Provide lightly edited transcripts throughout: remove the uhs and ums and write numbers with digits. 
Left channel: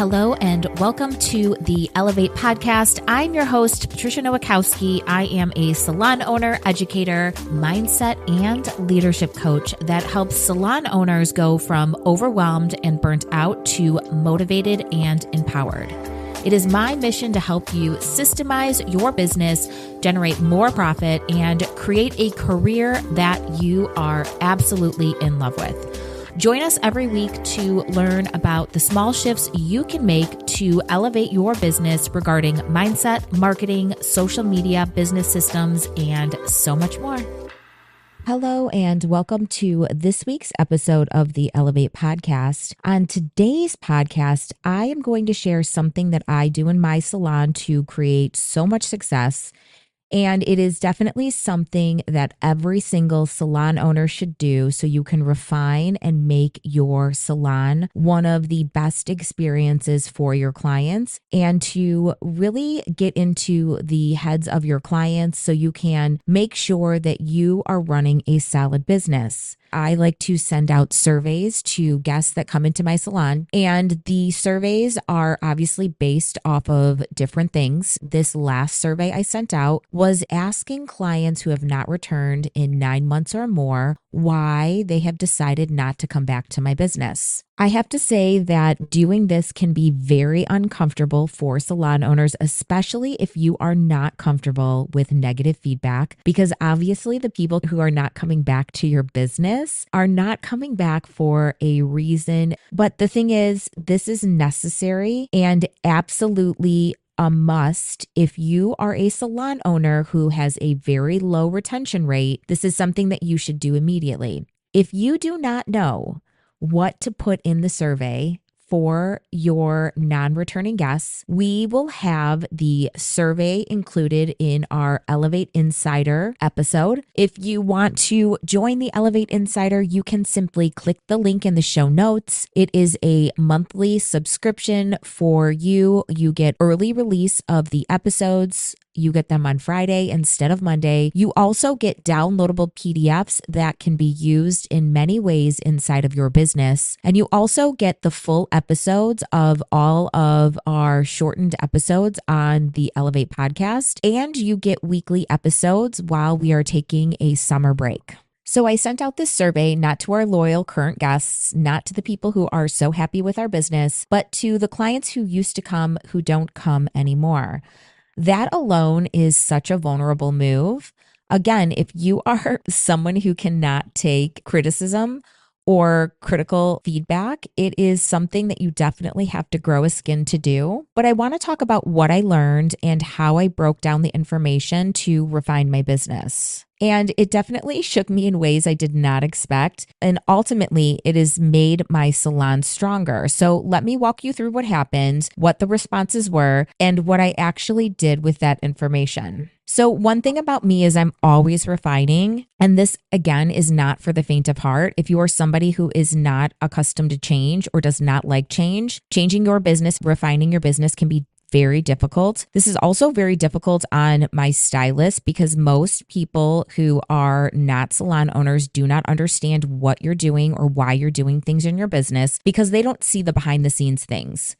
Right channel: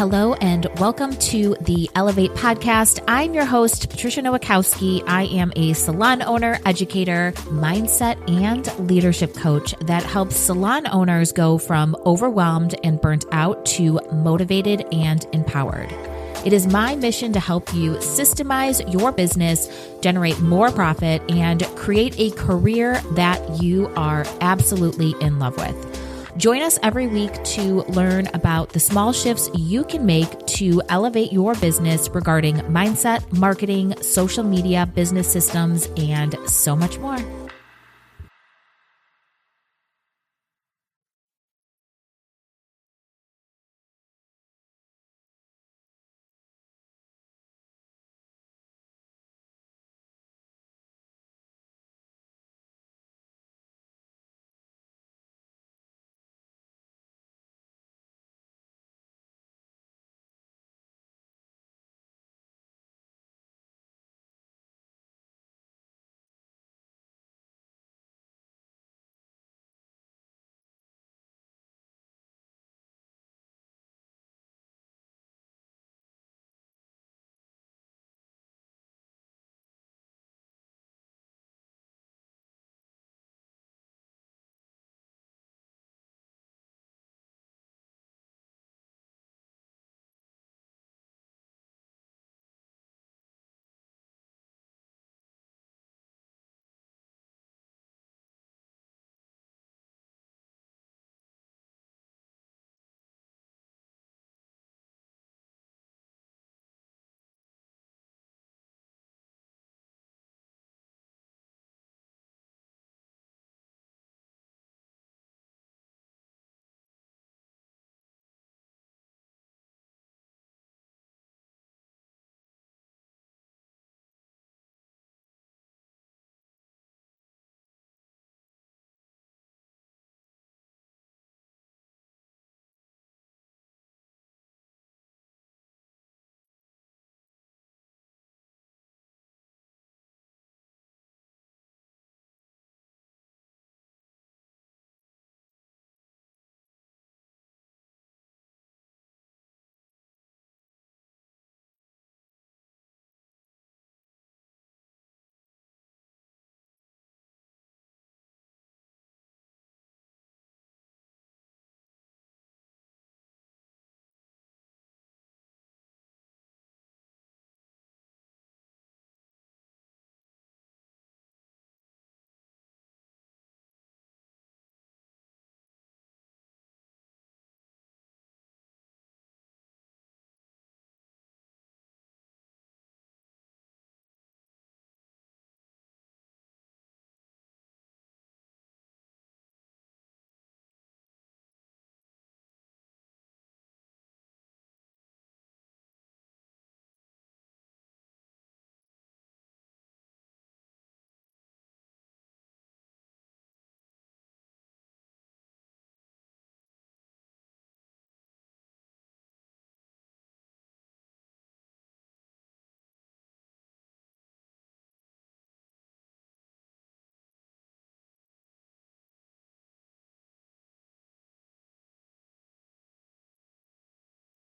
Hello and welcome to the Elevate podcast. I'm your host, Patricia Nowakowski. I am a salon owner, educator, mindset, and leadership coach that helps salon owners go from overwhelmed and burnt out to motivated and empowered. It is my mission to help you systemize your business, generate more profit, and create a career that you are absolutely in love with. Join us every week to learn about the small shifts you can make to elevate your business regarding mindset, marketing, social media, business systems, and so much more. Hello and welcome to this week's episode of the Elevate podcast. On today's podcast, I am going to share something that I do in my salon to create so much success. And it is definitely something that every single salon owner should do so you can refine and make your salon one of the best experiences for your clients and to really get into the heads of your clients so you can make sure that you are running a solid business. I like to send out surveys to guests that come into my salon, and the surveys are obviously based off of different things. This last survey I sent out was asking clients who have not returned in 9 months or more why they have decided not to come back to my business. I have to say that doing this can be very uncomfortable for salon owners, especially if you are not comfortable with negative feedback, because obviously the people who are not coming back to your business are not coming back for a reason. But the thing is, this is necessary and absolutely a must. If you are a salon owner who has a very low retention rate, this is something that you should do immediately. If you do not know what to put in the survey for your non-returning guests, we will have the survey included in our Elevate Insider episode. If you want to join the Elevate Insider, you can simply click the link in the show notes. It is a monthly subscription for you. You get early release of the episodes. You get them on Friday instead of Monday. You also get downloadable PDFs that can be used in many ways inside of your business. And you also get the full episodes of all of our shortened episodes on the Elevate podcast. And you get weekly episodes while we are taking a summer break. So I sent out this survey not to our loyal current guests, not to the people who are so happy with our business, but to the clients who used to come who don't come anymore. That alone is such a vulnerable move. Again, if you are someone who cannot take criticism or critical feedback, it is something that you definitely have to grow a skin to do. But I want to talk about what I learned and how I broke down the information to refine my business. And it definitely shook me in ways I did not expect. And ultimately, it has made my salon stronger. So let me walk you through what happened, what the responses were, and what I actually did with that information. So one thing about me is I'm always refining. And this, again, is not for the faint of heart. If you are somebody who is not accustomed to change or does not like change, changing your business, refining your business can be very difficult. This is also very difficult on my stylist because most people who are not salon owners do not understand what you're doing or why you're doing things in your business because they don't see the behind the scenes things.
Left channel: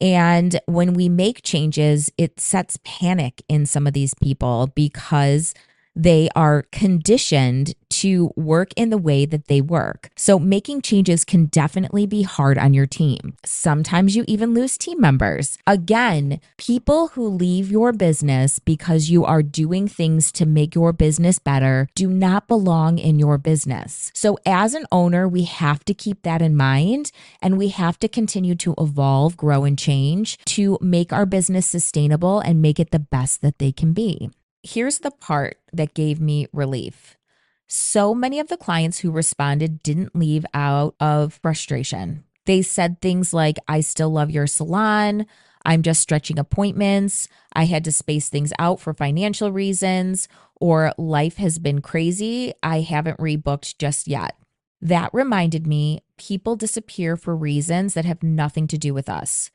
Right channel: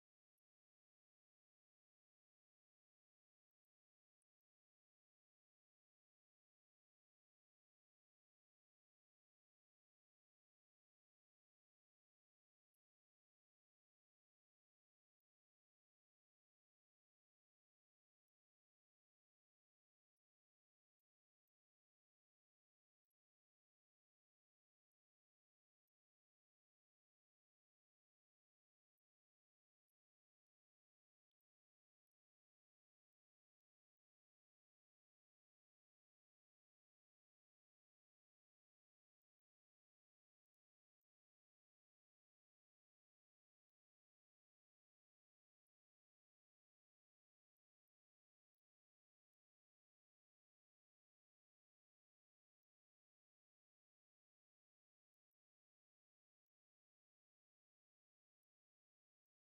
And when we make changes, it sets panic in some of these people because they are conditioned to work in the way that they work. So making changes can definitely be hard on your team. Sometimes you even lose team members. Again, people who leave your business because you are doing things to make your business better do not belong in your business. So as an owner, we have to keep that in mind and we have to continue to evolve, grow, and change to make our business sustainable and make it the best that they can be. Here's the part that gave me relief. So many of the clients who responded didn't leave out of frustration. They said things like, I still love your salon. I'm just stretching appointments. I had to space things out for financial reasons, or life has been crazy. I haven't rebooked just yet. That reminded me people disappear for reasons that have nothing to do with us.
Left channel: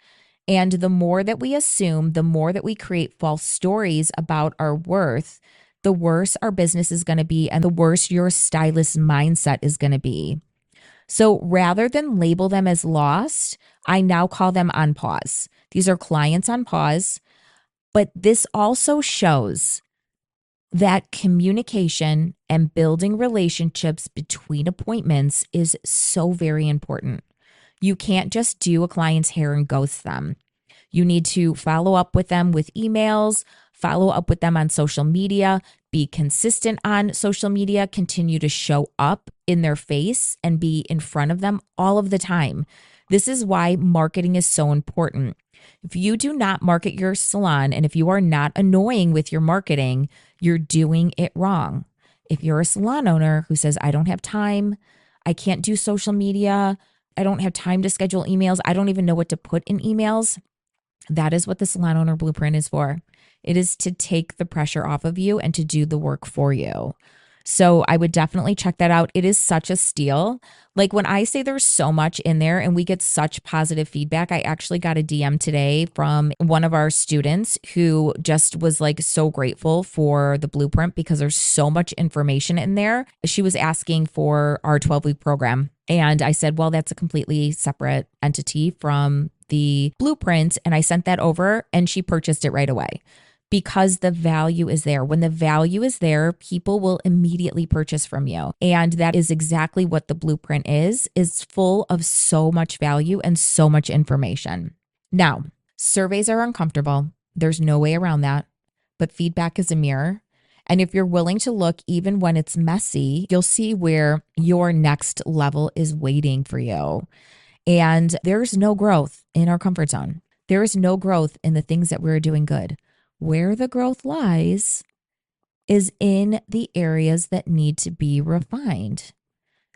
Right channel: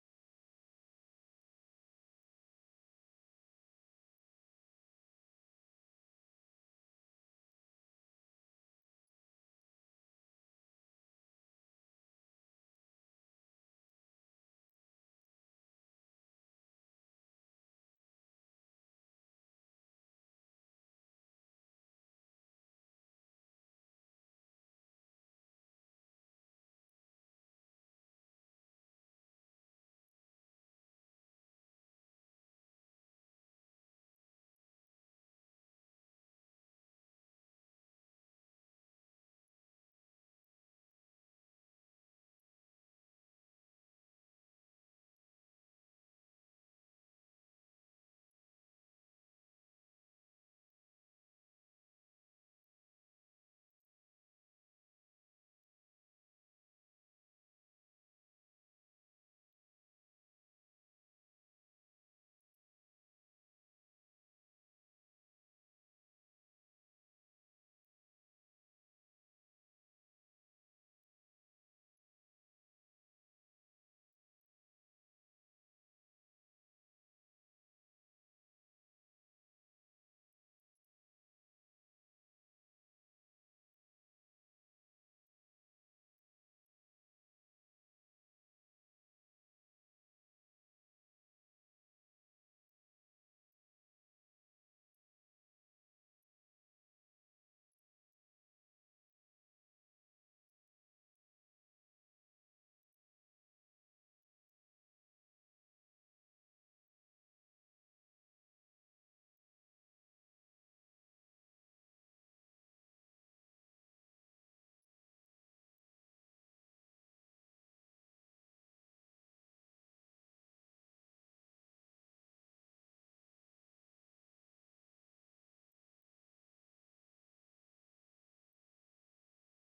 And the more that we assume, the more that we create false stories about our worth, the worse our business is going to be and the worse your stylist mindset is going to be. So rather than label them as lost, I now call them on pause. These are clients on pause, but this also shows that communication and building relationships between appointments is so very important. You can't just do a client's hair and ghost them. You need to follow up with them with emails, follow up with them on social media, be consistent on social media, continue to show up in their face and be in front of them all of the time. This is why marketing is so important. If you do not market your salon and if you are not annoying with your marketing, you're doing it wrong. If you're a salon owner who says, I don't have time, I can't do social media, I don't have time to schedule emails, I don't even know what to put in emails, that is what the Salon Owner Blueprint is for. It is to take the pressure off of you and to do the work for you. So I would definitely check that out. It is such a steal. Like when I say there's so much in there and we get such positive feedback, I actually got a DM today from one of our students who just was like so grateful for the blueprint because there's so much information in there. She was asking for our 12-week program. And I said, well, that's a completely separate entity from the blueprint. And I sent that over and she purchased it right away. Because the value is there. When the value is there, people will immediately purchase from you. And that is exactly what the blueprint is full of so much value and so much information. Now, surveys are uncomfortable. There's no way around that. But feedback is a mirror. And if you're willing to look, even when it's messy, you'll see where your next level is waiting for you. And there's no growth in our comfort zone. There is no growth in the things that we're doing good. Where the growth lies is in the areas that need to be refined.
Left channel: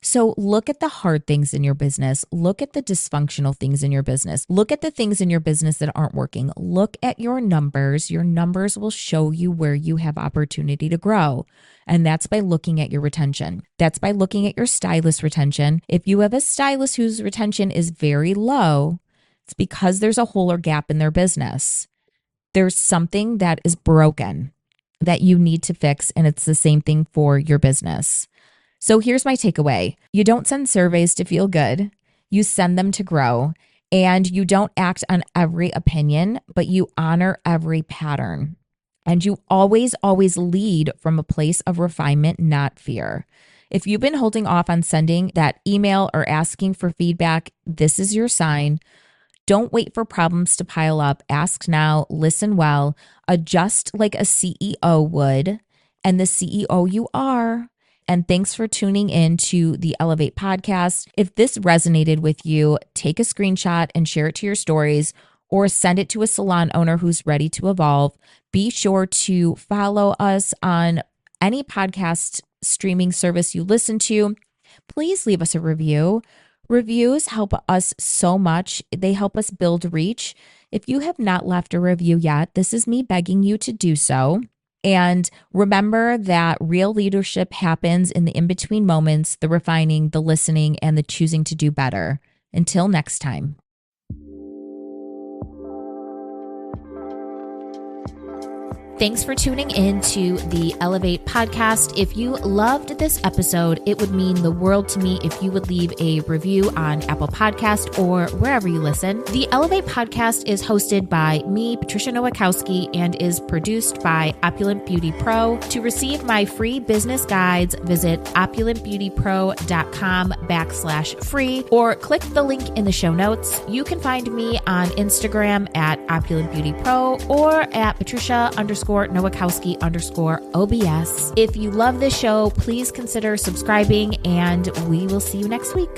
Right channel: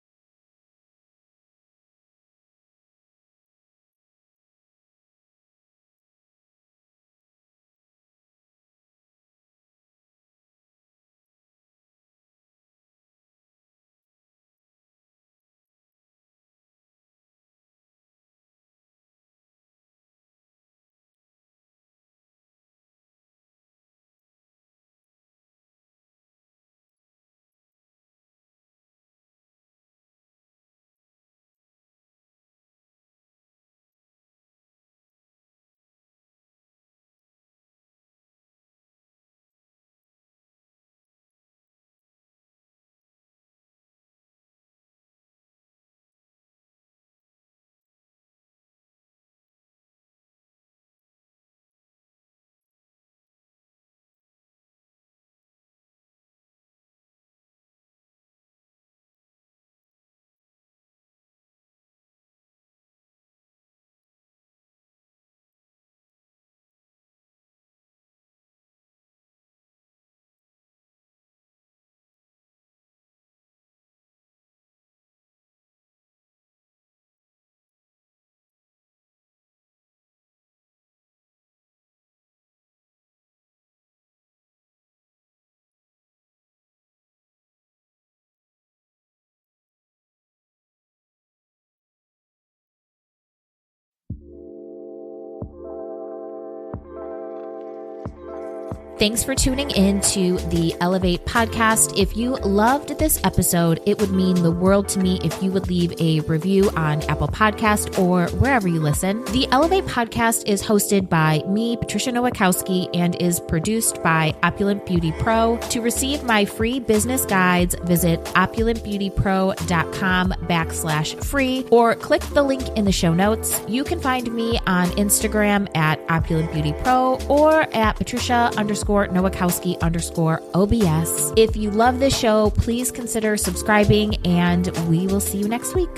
So look at the hard things in your business. Look at the dysfunctional things in your business. Look at the things in your business that aren't working. Look at your numbers. Your numbers will show you where you have opportunity to grow. And that's by looking at your retention. That's by looking at your stylist retention. If you have a stylist whose retention is very low, it's because there's a hole or gap in their business. There's something that is broken that you need to fix, and it's the same thing for your business. So here's my takeaway. You don't send surveys to feel good. You send them to grow, and you don't act on every opinion, but you honor every pattern. And you always, always lead from a place of refinement, not fear. If you've been holding off on sending that email or asking for feedback, this is your sign. Don't wait for problems to pile up. Ask now, listen well, adjust like a CEO would, and the CEO you are. And thanks for tuning in to the Elevate podcast. If this resonated with you, take a screenshot and share it to your stories or send it to a salon owner who's ready to evolve. Be sure to follow us on any podcast streaming service you listen to. Please leave us a review. Reviews help us so much. They help us build reach. If you have not left a review yet, this is me begging you to do so. And remember that real leadership happens in the in-between moments, the refining, the listening, and the choosing to do better. Until next time. Thanks for tuning in to the Elevate podcast. If you loved this episode, it would mean the world to me if you would leave a review on Apple Podcast or wherever you listen. The Elevate podcast is hosted by me, Patricia Nowakowski, and is produced by Opulent Beauty Pro. To receive my free business guides, visit opulentbeautypro.com/free or click the link in the show notes. You can find me on Instagram at Opulent Beauty Pro or at Patricia_Nowakowski_OBS. If you love this show, please consider subscribing, and we will see you next week.